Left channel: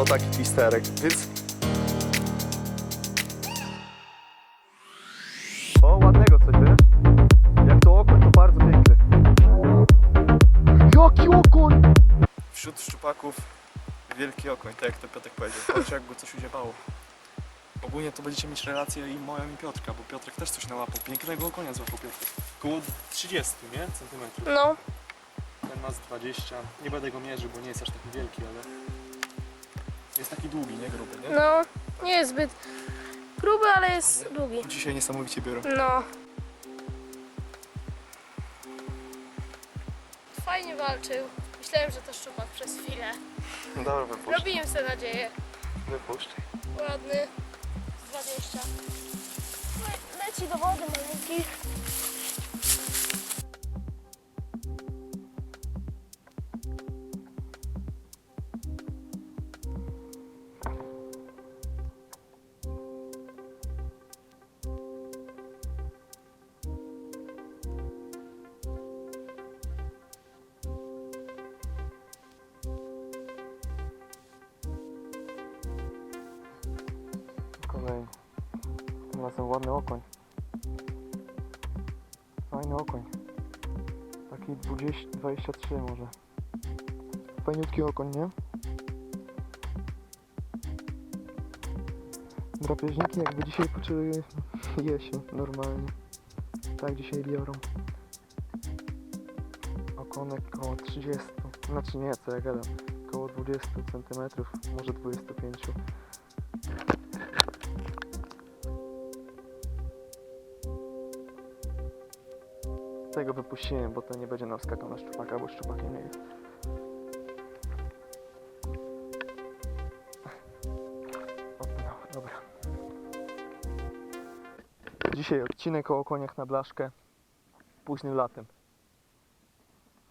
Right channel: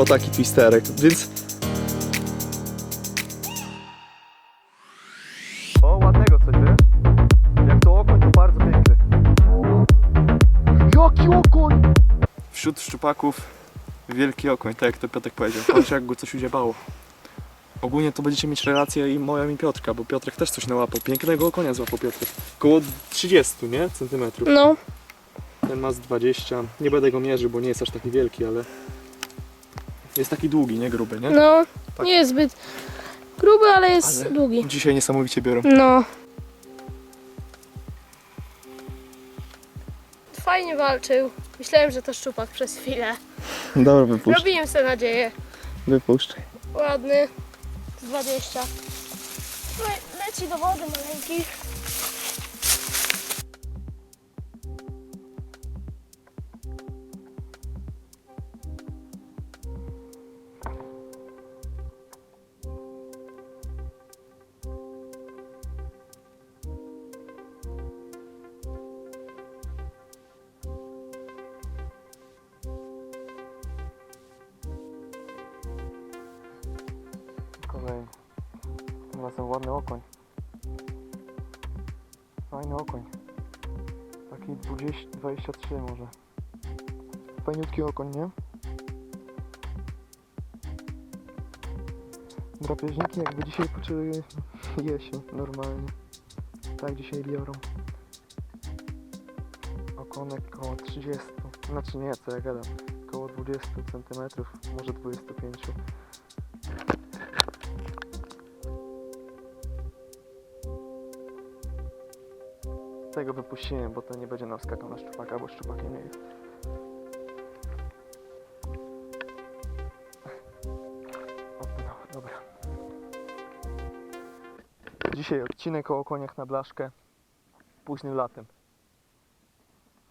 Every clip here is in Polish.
O, taki twisterek, więc... O, ładnego coś, wiesz? Jak to okoń, to bardzo piękny. Jaki okoń! Wśród szczupaków wielki okoń, tak jak to Piotrek powiedział. Patrz jak go coś udziebało. Ogólnie to będziecie mieć relację i moja i Piotrka, bo Piotrek też coś nałapał. Pięknego okonia złapał Piotrek. Koło 30, nie? Centymetrów. No, Ten ma z 20. Nie będę go mierzył, bo nie jest aż taki wielki, ale jest taki długi, nie gruby, nie? no, Tak. nie jest zbyt gruby, ale jest Ale- długi. Dzisiaj niesamowicie biorą. No. Fajnie walczył. Myślałem, że to szczupak przez chwilę. Dobra, wypuszcz. Robiłem sobie nadzieję. Wypuszczaj. Ładny. Z 20. Le leci do wody maleńki. Kolejny. Tym razem ładny okoń. Fajny okoń. Taki 20, 23 może. Fajniutki okoń, nie? Drapieżniki jakby dzisiaj poczęły jesień normalnie. Tak dzisiaj biorą. Okonek koło 30. Znaczy nie, co ja gadam. Koło 20 cm, może 25. Tego wypuściłem, bo to nie będzie nam skakał na szczupaka, bo szczupakiem nie jest. Opnął, dobra. Dzisiaj odcinek o koniach na blaszkę późnym latem.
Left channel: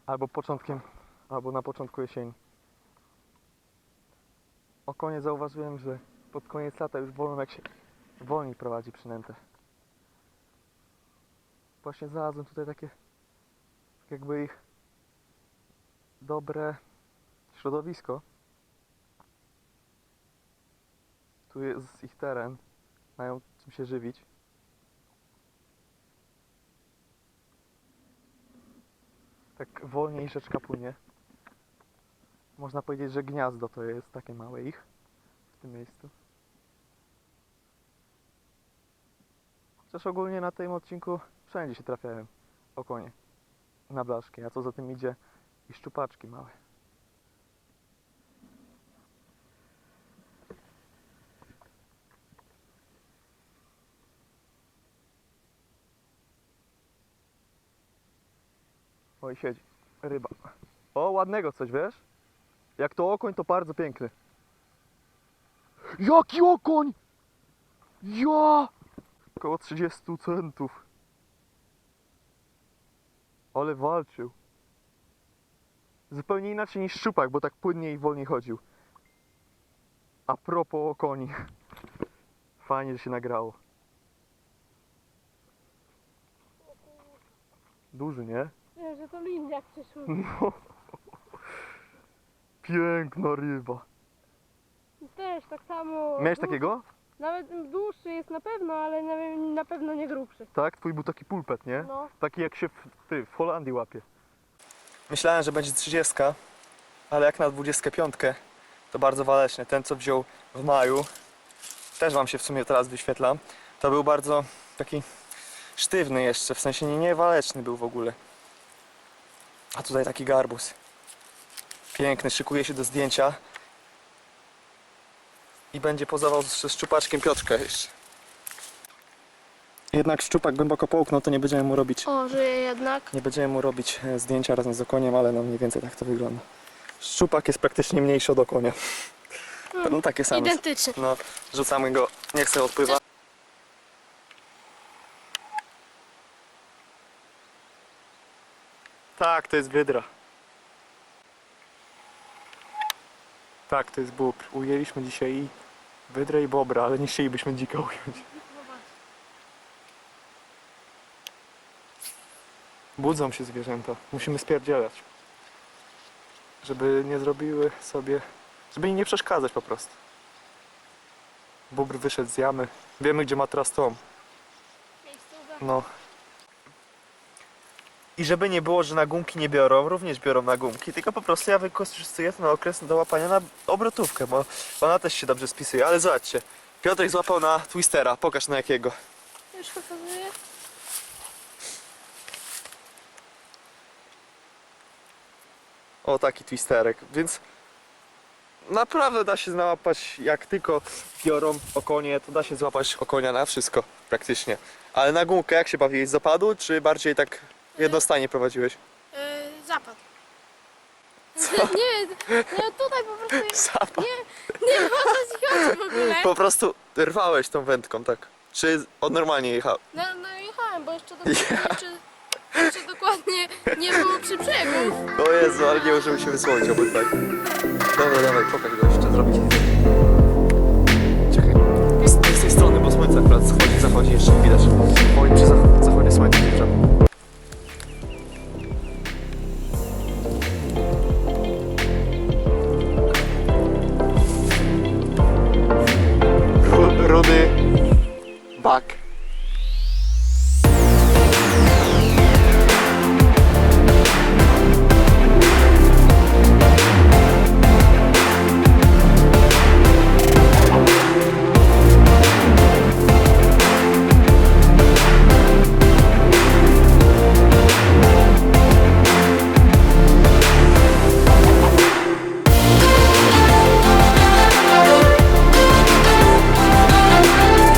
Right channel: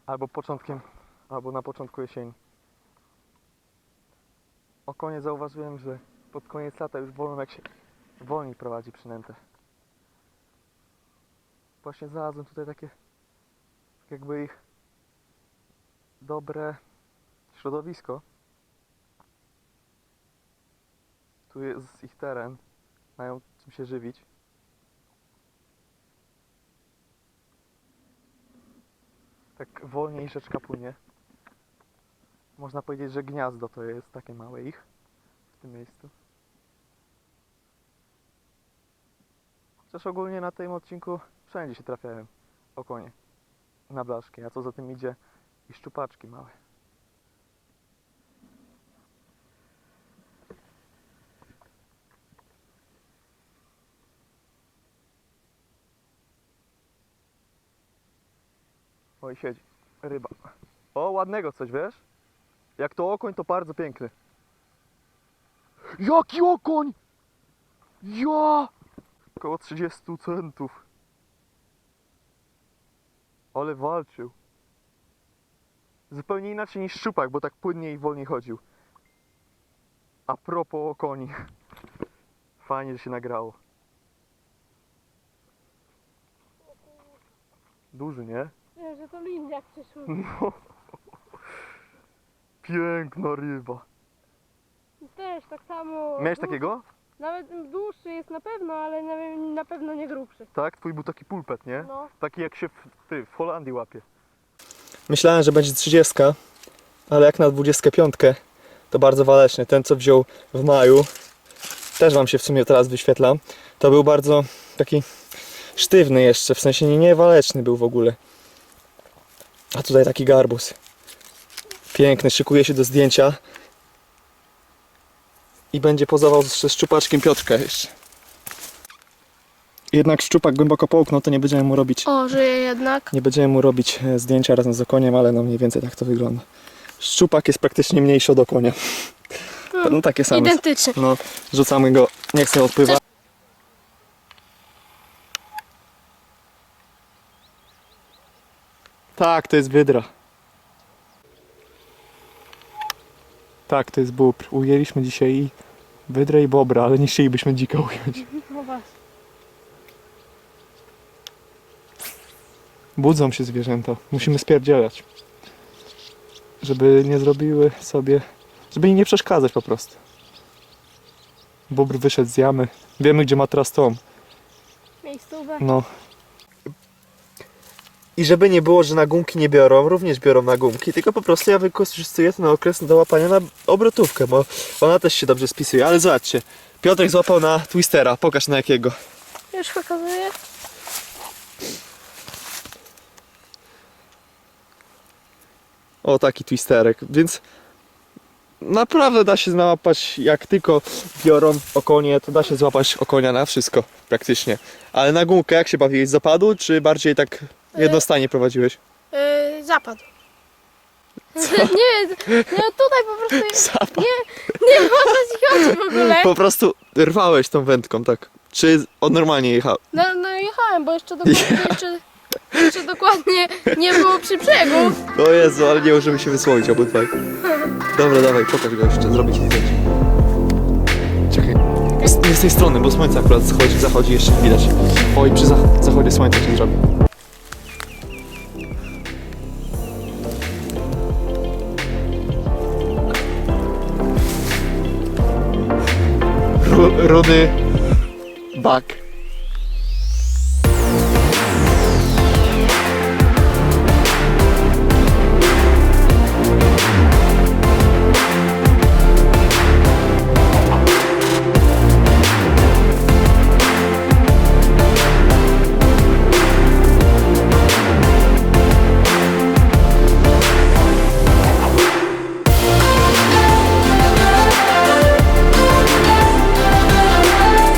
Albo początkiem, albo na początku jesieni. O konie zauważyłem, że pod koniec lata już wolą jak się wolniej prowadzi przynętę. Właśnie znalazłem tutaj takie tak jakby ich dobre środowisko. Tu jest ich teren, mają czym się żywić. Tak wolniej rzeczka płynie. Można powiedzieć, że gniazdo to jest takie małe ich w tym miejscu. Chociaż ogólnie na tym odcinku wszędzie się trafiają okonie na blaszki, a co za tym idzie i szczupaczki małe. Oj, siedzi. Ryba. O, ładnego coś, wiesz? Jak to okoń, to bardzo piękny. Jaki okoń! Ja! Około 30 centów. Ale walczył. Zupełnie inaczej niż szczupak, bo tak płynniej i wolniej chodził. A propos o koni. Fajnie, że się nagrało. Duży, nie? Wiem, że to liniak przyszły. No. Piękna ryba. Też tak samo. Miałeś takiego? Nawet dłuższy jest na pewno, ale na, na pewno nie grubszy. Tak? Twój był taki pulpet, nie? No. Taki jak się w, ty, w Holandii łapie. Myślałem, że będzie 30, ale jak na 25 to bardzo waleczny. Ten co wziął w maju, też wam się w sumie teraz wyświetla, to był bardzo taki sztywny jeszcze, w sensie nie, nie waleczny był w ogóle. A tutaj taki garbus. Piękny, szykuje się do zdjęcia. I będzie pozował ze szczupaczkiem Piotrka jeszcze. Jednak szczupak głęboko połknął, to nie będziemy mu robić O, żyje jednak. nie będziemy mu robić e, zdjęcia razem z okoniem, ale no mniej więcej tak to wygląda. Szczupak jest praktycznie mniejszy od okonia. No takie same. Identyczny. No, rzucamy go, nie chcę odpływać. Tak, to jest wydra. Tak, to jest bóbr. Ujęliśmy dzisiaj i wydrę i bobra, ale nie chcielibyśmy dzika ująć. No właśnie. Budzą się zwierzęta. Musimy spierdzielać. Żeby nie zrobiły sobie Żeby im nie przeszkadzać po prostu. Bóbr wyszedł z jamy. Wiemy, gdzie ma teraz tom. Miejscówę. No. I żeby nie było, że na gumki nie biorą, również biorą na gumki, tylko po prostu ja wykorzystuję to na okres do łapania na obrotówkę, bo ona też się dobrze spisuje. Ale zobaczcie, Piotrek złapał na twistera, pokaż na jakiego. Już pokazuję. O, taki twisterek, więc naprawdę da się załapać, jak tylko biorą okonie, to da się złapać okonia na wszystko praktycznie. Ale na gumkę jak się bawiłeś? Zapadł, czy bardziej tak jednostanie prowadziłeś? Yy, zapadł. nie, nie, tutaj po prostu jest. Zapadł. Nie, nie o co ci chodzi w ogóle. Po prostu rwałeś tą wędką, tak? Czy on normalnie jechał? No, no jechałem, bo jeszcze dokładnie, jeszcze, jeszcze dokładnie nie było przy brzegu. O Jezu, ale nie możemy się wysłonić obydwaj. Dobra, dawaj, pokaż go jeszcze zrobić. Czekaj. Z, z tej strony, bo słońce akurat schodzi, zachodzi jeszcze widać. Oj, przy za- zachodzie słońca